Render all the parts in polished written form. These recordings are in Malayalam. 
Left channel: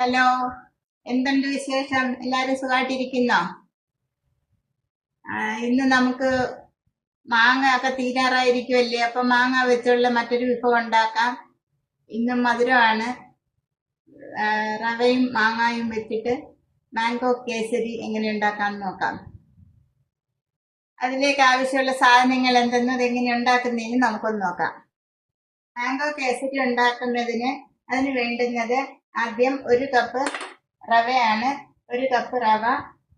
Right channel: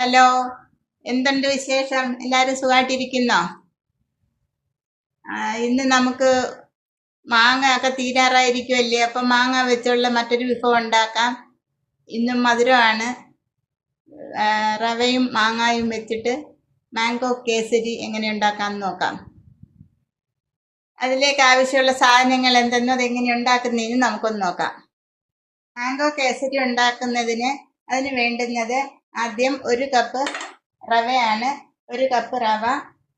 ഹലോ, എന്തുണ്ട് വിശേഷം? എല്ലാരും സുഖമായിട്ടിരിക്കുന്നോ? ഇന്ന് നമുക്ക് മാങ്ങ ഒക്കെ തീരാറായിരിക്കുമല്ലേ, അപ്പൊ മാങ്ങ വെച്ചുള്ള മറ്റൊരു വിഭവം ഉണ്ടാക്കാം. ഇന്നും മധുരമാണ്. റവയും മാങ്ങായും വെച്ചിട്ട് മാംഗോ കേസരി എങ്ങനെ ഉണ്ടാക്കാമെന്ന് നോക്കാം. അതിലേക്ക് ആവശ്യമുള്ള സാധനങ്ങൾ എന്തെന്നും അതെങ്ങനെ ഉണ്ടാക്കുന്നതിന് നമുക്കൊന്ന് നോക്കാം. മാംഗോ കേസരി ഉണ്ടാക്കുന്നതിന് അതിന് വേണ്ടുന്നത് ആദ്യം 1 കപ്പ് റവയാണ്. 1 കപ്പ് റവ,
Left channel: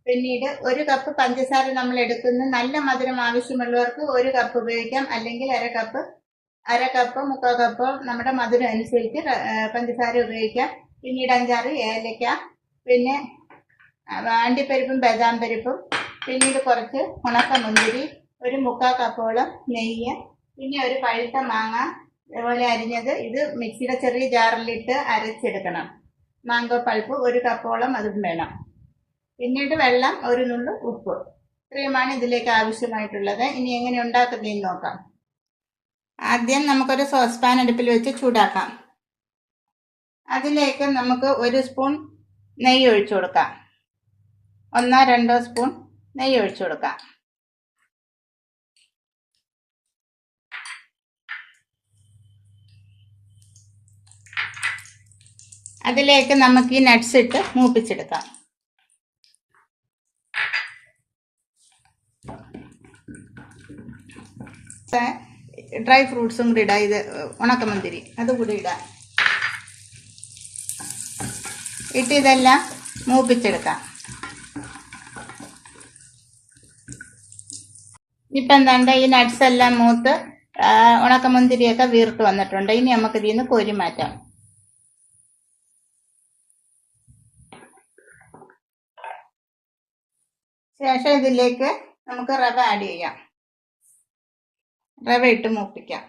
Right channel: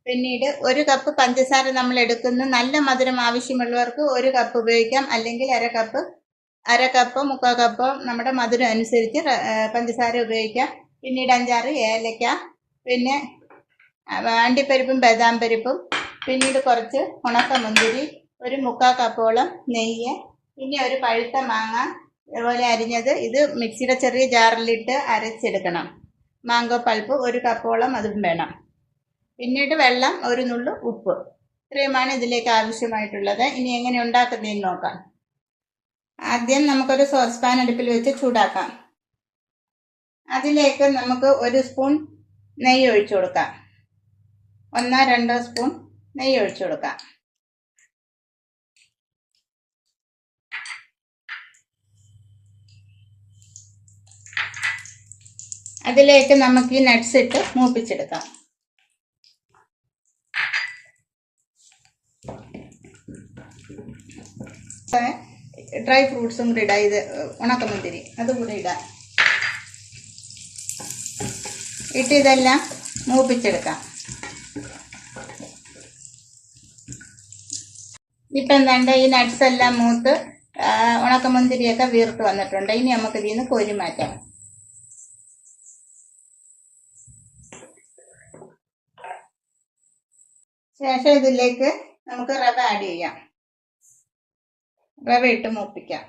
പിന്നീട് 1 കപ്പ് പഞ്ചസാര നമ്മൾ എടുക്കുന്നു. നല്ല മധുരം ആവശ്യമുള്ളവർക്ക് 1 കപ്പ് ഉപയോഗിക്കാം, അല്ലെങ്കിൽ അര കപ്പോ 3/4 കപ്പോ നമ്മുടെ മധുരം അനുസരിച്ച് പഞ്ചസാര ഉപയോഗിക്കാം. പിന്നീട് 5-6 ഏലക്ക, പിന്നെ അണ്ടിപ്പരിപ്പും ബദാം പരിപ്പും, പിന്നീട് കുറച്ച് ഉണക്കമുന്തിരി, 1/4 കപ്പോളം നെയ്യ്, പിന്നെ ഒരു പഴുത്ത മാങ്ങ അതുപോലെ അരിഞ്ഞത്. ഇത് മിക്സിയുടെ ചെറിയ ജാറിലിട്ട് അരച്ചെടുക്കണം. മാംഗോ പൾപ്പ് 1 കപ്പോളം അതും വേണം. പിന്നീട് വെള്ളം, ഒരു നുള്ളു ഉപ്പ്. ഇത്രയുമാണ് ഇതിലേക്ക് ആവശ്യമായിട്ടുള്ളത്. ഇനി എങ്ങനെ ഉണ്ടാക്കുന്നതെന്ന് നോക്കാം. ആദ്യം നമുക്കൊരു സോസ് പാൻ അടുപ്പിൽ വെച്ച് ചൂടാക്കാം. അതിലേക്ക് നമുക്ക് 1 സ്പൂൺ നെയ്യ് ഒഴിച്ചു കൊടുക്കാം. 1-2 സ്പൂൺ നെയ്യ് ഒഴിച്ചു കൊടുക്കാം. അതിലേക്ക് നമുക്ക് ഈ നട്ട്സ് ഇട്ട് മൂപ്പിച്ചെടുക്കാം. ഡ്രൈ ഫ്രൂട്ട്സും കൂടി ഇടാം. ഇത് ഉണക്കമുന്തിരി അതുകൂടി ഇടാം. ഇട്ട് ഇതെല്ലാം മൂപ്പിച്ചെടുക്കാം. ഇപ്പം എന്താണ്ട് ഈ നട്ട്സ് എല്ലാം മൂത്ത് ഉണക്കമുന്തിരിയൊക്കെ വീർത്ത് വന്നിട്ടുണ്ട്. ഇനി നമുക്ക് ഇതിൽ നിന്ന് കോരി മാറ്റാം. ശേഷം ഇതിലേക്ക് നമുക്ക് റവ ആഡ് ചെയ്യാം. റവ ഇട്ട് മൂപ്പിക്കാം.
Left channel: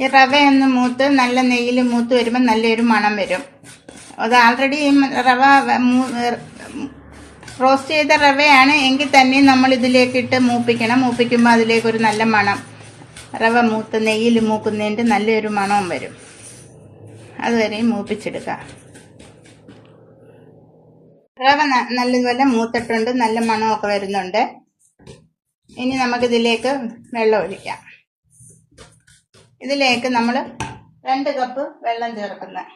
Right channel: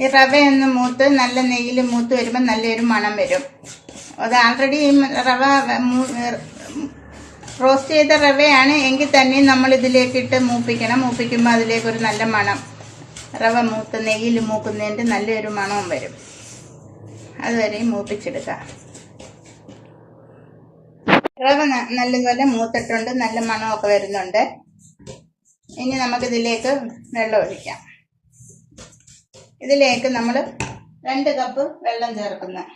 ഈ റവയൊന്ന് മൂത്ത് നല്ല നെയ്യിൽ മൂത്ത് വരുമ്പോൾ നല്ലൊരു മണം വരും. അത് ആൾറെഡി റവ റോസ്റ്റ് ചെയ്ത റവയാണ് എങ്കിൽ തന്നെ നമ്മൾ ഇതിലേക്ക് ഇട്ട് മൂപ്പിക്കണം. മൂപ്പിക്കുമ്പോൾ അതിലേക്കൊരു നല്ല മണം, റവ മൂത്ത് നെയ്യിൽ മൂക്കുന്നതിൻ്റെ നല്ലൊരു മണവും വരും. അതുവരെയും മൂപ്പിച്ചെടുക്കാം. റവ നല്ലതുപോലെ മൂത്തിട്ടുണ്ട്, നല്ല മണമൊക്കെ വരുന്നുണ്ട്. ഇനി നമുക്കിതിലേക്ക് വെള്ളം ഒഴിക്കാം. ഇതിലേക്ക് നമ്മൾ 2 കപ്പ് വെള്ളം ചേർക്കുന്നു.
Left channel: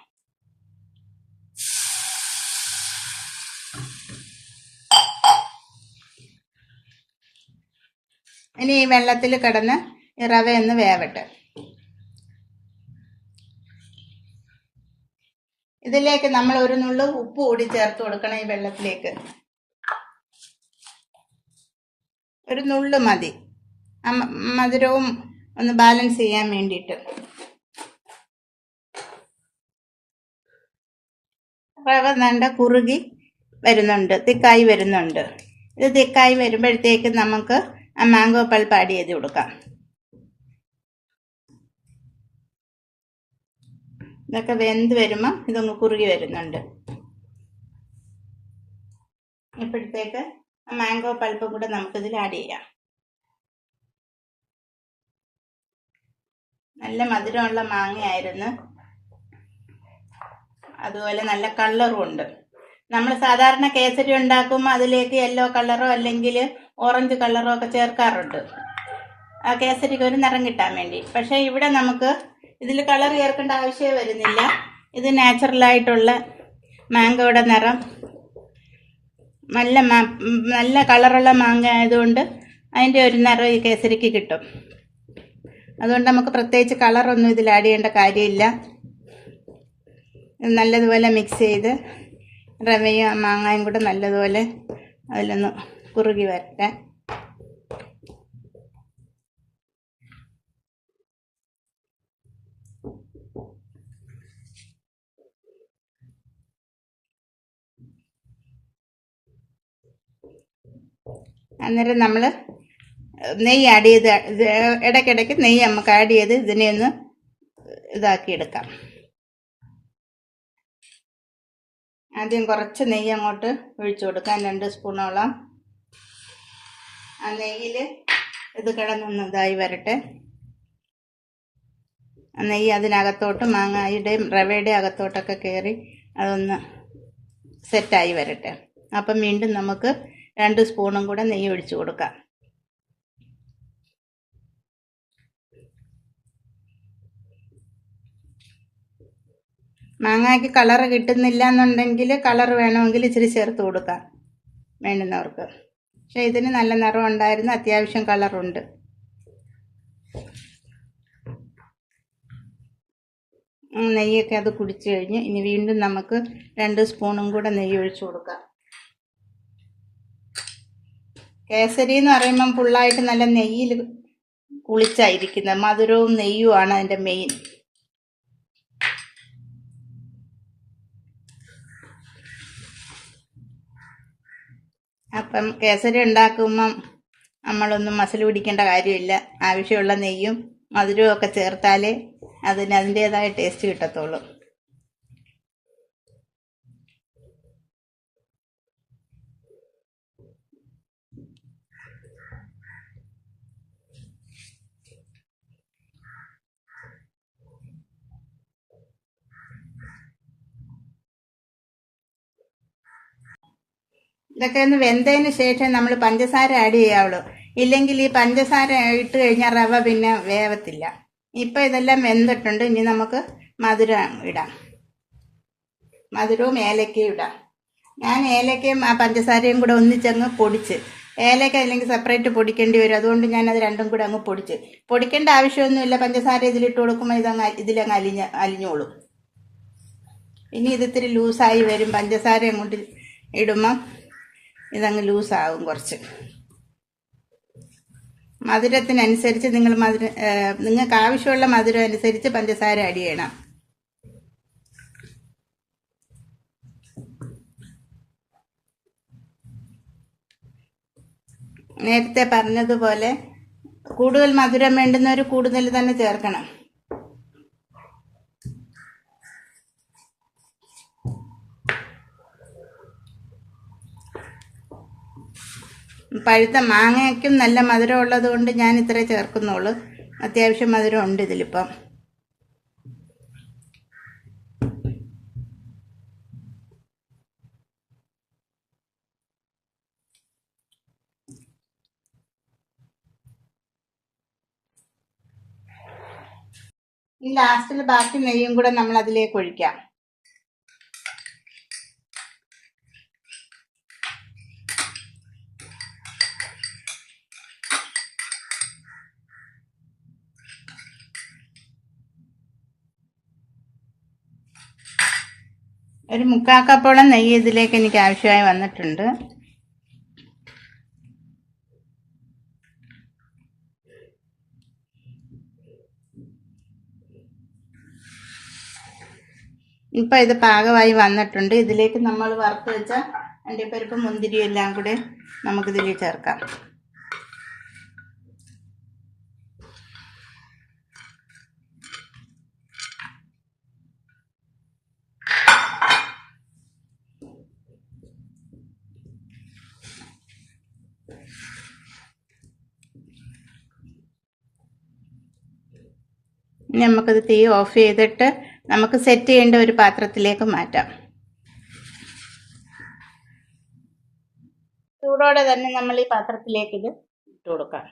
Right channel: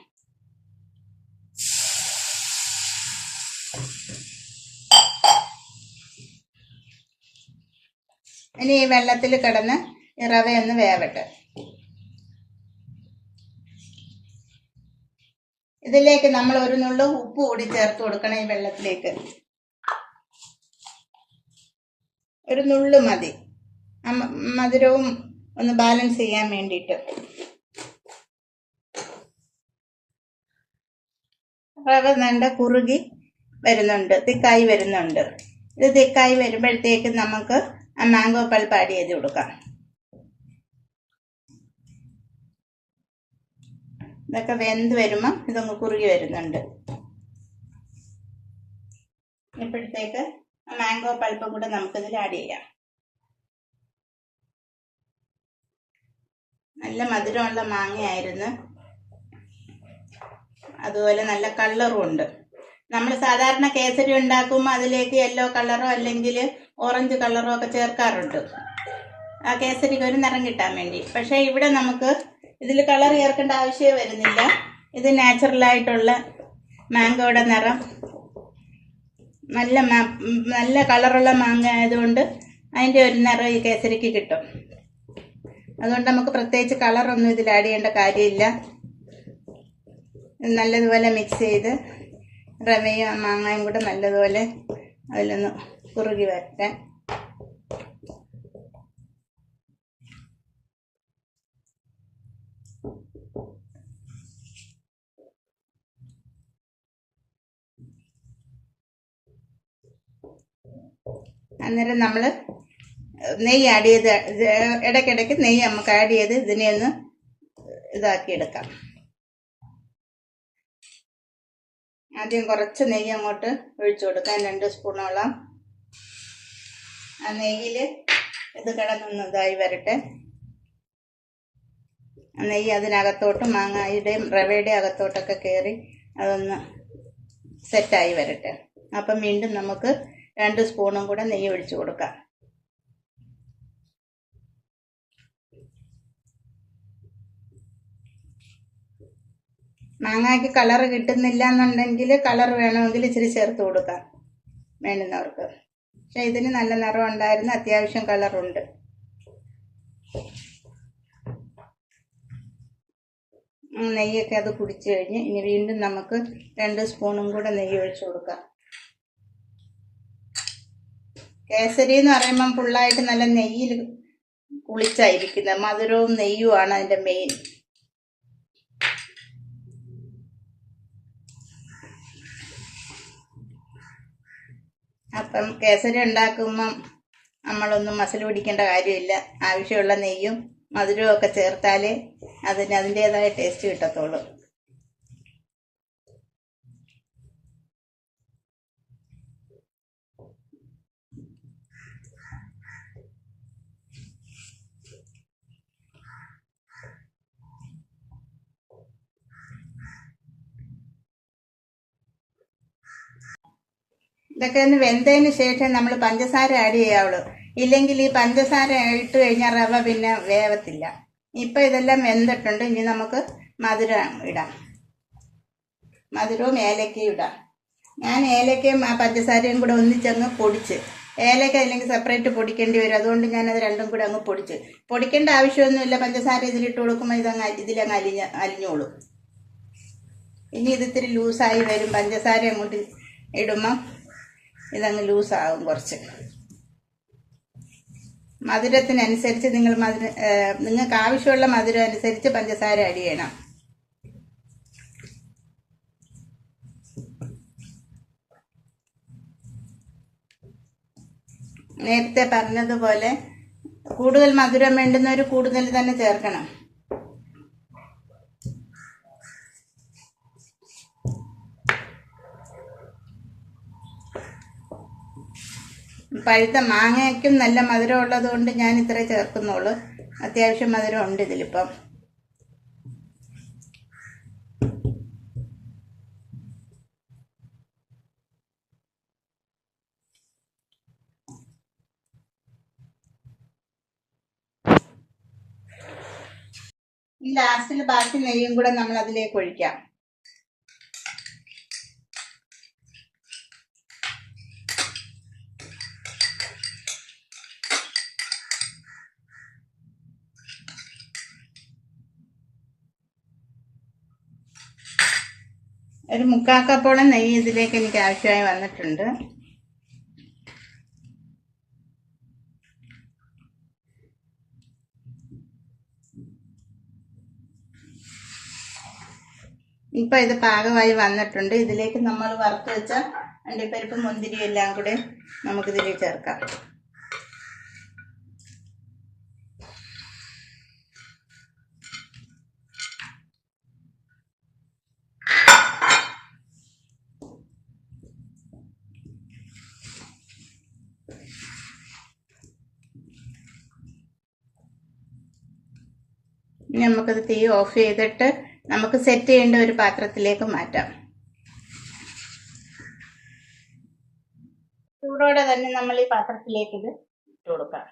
ഇനി ഈ വെള്ളത്തിൽ കിടന്ന് ഈ റവയൊന്ന് വേവട്ടെ. ഇതിലേക്ക് നമ്മൾ ഒരു നുള്ളു ഉപ്പ് കൂടി ചേർത്ത് കൊടുക്കണം. ഈ വെള്ളത്തിലേക്ക് ഒരു നുള്ളു മതി, മധുരവും ഒന്ന് ബാലൻസ് ചെയ്യാൻ വേണ്ടിയിട്ട്. റവ നല്ല കുറുകി വരുന്നുണ്ട്, തിക്കായി വരുന്നുണ്ട്. ഇത് തിക്കായി വരുമ്പോഴത്തേക്ക് നമുക്ക് ആ മാംഗോ പൾപ്പ് ആഡ് ചെയ്ത് കൊടുക്കാം. ഇതൊക്കെ വെന്ത് വരുമ്പോൾ ഇതൊന്ന് കുറുകി വരുന്നുണ്ട്. ഇപ്പോഴത്തേക്ക് മാംഗോ പൾപ്പും കൂടെ നമുക്കിതിൽ ആഡ് ചെയ്യാം. നല്ല മധുരമുള്ള മാങ്ങയായിരുന്നു, അതുപോലെ നല്ല കളറും ഉണ്ട്. നമ്മൾ സാധാരണ കേസരി ഉണ്ടാക്കുമ്പോൾ അതിലേക്ക് യെല്ലോ കളറോ അല്ലെങ്കിൽ ഓറഞ്ച് കളറോ ഒക്കെ ചേർക്കാറുണ്ട്, ആ കേസരിക്ക് ഒരു നിറം കിട്ടാൻ വേണ്ടി. പക്ഷേ ഇവിടെ നമുക്ക് ഇതിൽ കളർ ചേർക്കേണ്ട ആവശ്യമേ വരുന്നില്ല. ഇത് നാച്ചുറലായിട്ടുള്ള മാംഗോയുടെ നിറം, നല്ല കളറുള്ള മാങ്ങ ആയതുകൊണ്ട് അതിൻ്റെ ഒരു നിറം ഈ കേസരിക്ക് കിട്ടും. അതുകൊണ്ട് നമുക്ക് പ്രത്യേകിച്ച് കളറൊന്നും ഇതിൽ ആഡ് ചെയ്യേണ്ട കാര്യമില്ല. നല്ലതുപോലെ മിക്സ് ചെയ്ത് റവയും മാങ്ങയും കൂടെ നല്ലതുപോലെ അതിലൊന്ന് കുറുകി വരട്ടെ. അന്നേരം നമ്മൾ നെയ്യ് ആഡ് ചെയ്ത് ഇടയ്ക്കിടയ്ക്ക് നെയ്യ് നമുക്ക് ആഡ് ചെയ്ത് ഇതിനെ ഒന്ന് ഇതാക്കിയെടുക്കാം. ആദ്യം കുറച്ച് നെയ്യ് അങ്ങോട്ട് ഒഴിച്ചു കൊടുക്കാം, 2 സ്പൂണോളം. ആ നെയ്യിൽ ഇത് കിടന്നൊന്ന് ഇതായി വരട്ടെ. നെയ്യ് അതിനകത്തോട്ട് മാങ്ങയുടെയും റവയുടെയും അകത്തോട്ടൊക്കെ കയറി അതൊന്ന് സെറ്റായി വരട്ടെ. അപ്പം വീണ്ടും നമുക്ക് 2 സ്പൂണും കൂടെ നെയ്യ് ഒഴിച്ചു കൊടുക്കാം. മാങ്ങയ്ക്ക് കളറ് കിട്ടുന്നില്ല എന്നുണ്ടെങ്കിൽ കളർ വേണമെങ്കിൽ ഇച്ചിരി ചേർത്ത് കൊടുക്കാം വേണ്ടുന്നവർക്ക്. പക്ഷെ ഇതിന് നല്ല നിറം ഉണ്ടായിരുന്നു, അത്യാവശ്യം കളറുണ്ട്. നെയ്യൊക്കെ അത് കുടിച്ചു കഴിഞ്ഞ് ഇനി വീണ്ടും നമുക്ക് 2 സ്പൂണും കൂടെ നെയ്യ് ഒഴിച്ചു കൊടുക്കാം. കേസരി എന്ന് പറയുമ്പം ഫുള്ളായിട്ട് നല്ല നെയ്യിൽ കുളിച്ചായിരിക്കുന്നത്. മധുരവും നെയ്യുമാണ് അതിൻ്റെ മെയിൻ. അപ്പം കേസരി ഉണ്ടാക്കുമ്പം നമ്മളൊന്നും മസിൽ പിടിക്കേണ്ട കാര്യമില്ല. ആവശ്യമുള്ള നെയ്യും മധുരവും ഒക്കെ ചേർത്താലേ അതിന് അതിൻ്റേതായ ടേസ്റ്റ് കിട്ടത്തുള്ളൂ. ഇതൊക്കെ ഒന്ന് വെന്തതിന് ശേഷം നമ്മൾ പഞ്ചസാര ആഡ് ചെയ്യാവുള്ളൂ. ഇല്ലെങ്കിൽ ഈ പഞ്ചസാര ഇട്ട് കഴിഞ്ഞാൽ റവ പിന്നെ വേവത്തില്ല. ഇപ്പം ഇതെല്ലാം വെന്തിട്ടുണ്ട്. ഇനി നമുക്ക് മധുരം ഇടാം. മധുരവും ഏലക്കയും ഇടാം. ഞാൻ ഏലക്കയും പഞ്ചസാരയും കൂടെ ഒന്നിച്ചങ്ങ് പൊടിച്ച്, ഏലക്ക അല്ലെങ്കിൽ സെപ്പറേറ്റ് പൊടിക്കേണ്ടി വരും. അതുകൊണ്ട് ഞാനത് രണ്ടും കൂടെ അങ്ങ് പൊടിക്കേണ്ട ആവശ്യമൊന്നുമില്ല. പഞ്ചസാര ഇതിലിട്ട് കൊടുക്കുമ്പോൾ ഇതിലങ്ങ് അലിഞ്ഞോളും. ഇനി ഇത് ഇത്തിരി ലൂസായി വരും. പഞ്ചസാര അങ്ങോട്ട് ഇടുമ്പം ഇതങ്ങ് ലൂസാകും കുറച്ച്. മധുരത്തിനനുസരിച്ച് നിങ്ങൾക്ക് ആവശ്യമുള്ള മധുരം അനുസരിച്ച് പഞ്ചസാര ആഡ് ചെയ്യണം. നേരത്തെ പറഞ്ഞതുപോലെ കൂടുതൽ മധുരം വേണ്ടുന്നവർ കൂടുതൽ തന്നെ ചേർക്കണം. പഴുത്ത മാങ്ങയ്ക്കും നല്ല മധുരം ഉള്ളത് കൊണ്ട് ഞാൻ ഇത്ര ചേർക്കുന്നുള്ളൂ. അത്യാവശ്യം മധുരം ഉണ്ട് ഇതിലിപ്പം. ഈ ലാസ്റ്റിൽ ബാക്കി നെയ്യും കൂടെ നമ്മൾ അതിലേക്ക് ഒഴിക്കാം. ഒരു 3/4 കപ്പോളം നെയ്യ് ഇതിലേക്ക് എനിക്ക് ആവശ്യമായി വന്നിട്ടുണ്ട്. ഇപ്പം ഇത് പാകമായി വന്നിട്ടുണ്ട്. ഇതിലേക്ക് നമ്മൾ വറുത്ത് വെച്ച അണ്ടിപ്പരിപ്പ് മുന്തിരിയും എല്ലാം കൂടെ നമുക്കിതിൽ ചേർക്കാം. ഇനി നമുക്കത് തീ ഓഫ് ചെയ്തിട്ട് നമുക്ക് സെറ്റ് ചെയ്യേണ്ട ഒരു പാത്രത്തിലേക്ക് മാറ്റാം. ചൂടോടെ തന്നെ നമ്മൾ ഈ പാത്രത്തിലേക്ക് ഇത് ഇട്ട് കൊടുക്കാം.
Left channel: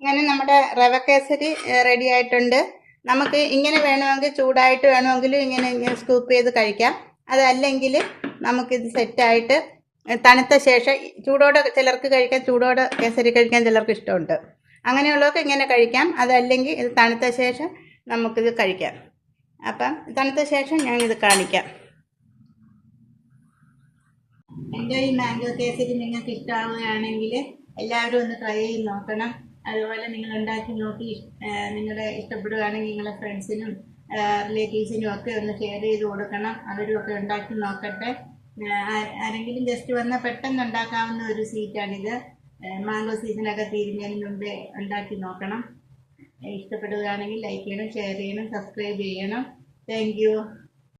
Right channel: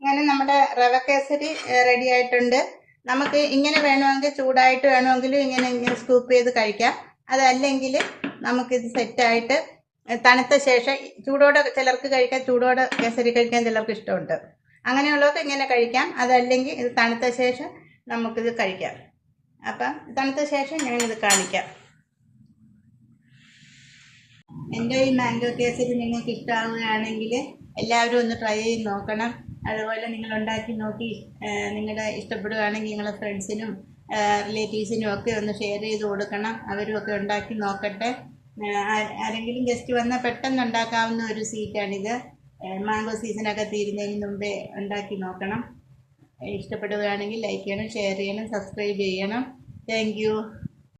അങ്ങനെ നമ്മുടെ റവ കേസരി റെഡി ആയിട്ടുണ്ട്. നമുക്ക് ഇങ്ങനെ വേണമെങ്കിൽ ചൂടായിട്ട് വേണമെങ്കിലും ഇങ്ങനെ സ്കൂപ്പ് ചെയ്ത് കഴിക്കാം. അതല്ലെങ്കിൽ നമുക്കിത് സെറ്റായിട്ട് തണുത്ത ശേഷം ചൂടോടെ ചിലർക്ക് കഴിക്കാം, ചൂടോടെ കേസരി കഴിക്കാൻ ചിലർക്ക് ഇഷ്ടമുണ്ട്. അങ്ങനെയുള്ളവർക്ക് ഇങ്ങനെ കഴിക്കാം. അതല്ലെങ്കിൽ ഇത് തണുത്ത ശേഷം നമുക്കിത് കഴിക്കാം. അപ്പം തണുത്ത ശേഷം ഞാനിത് കാണിക്കാം. എൻ്റെ ഈ മാംഗോ കേസരി നിങ്ങൾക്ക് ഇഷ്ടമാകുകയാണെങ്കിൽ എല്ലാവരും ഒന്ന് ട്രൈ ചെയ്ത് നോക്കണം. അതുപോലെ നിങ്ങൾ ഉണ്ടാക്കി നോക്കി നിങ്ങളുടെ ഇഷ്ടപ്പെടുകയാണെങ്കിൽ നിങ്ങളുടെ ഫ്രണ്ട്സിനും റിലേറ്റീവ്സിനും ഒക്കെ ഒന്ന് ഷെയർ ചെയ്ത് കൊടുക്കണം. അവരും ഒക്കെ ഉണ്ടാക്കി നോക്കട്ടെ. ആരെങ്കിലും ഗസ്റ്റ് വന്നാൽ പെട്ടെന്ന് ഉണ്ടാക്കാവുന്ന ഒരു സ്വീറ്റാണിത്. മാംഗോ സീസണൊക്കെ തീരുന്നതിന് മുമ്പേ ഉണ്ടാക്കി നോക്കണം. ഇഷ്ടപ്പെടുകയാണെങ്കിൽ ലൈക്ക് ചെയ്യണം, ഷെയർ ചെയ്യണം, സബ്സ്ക്രൈബ് ചെയ്യണം. Thank you.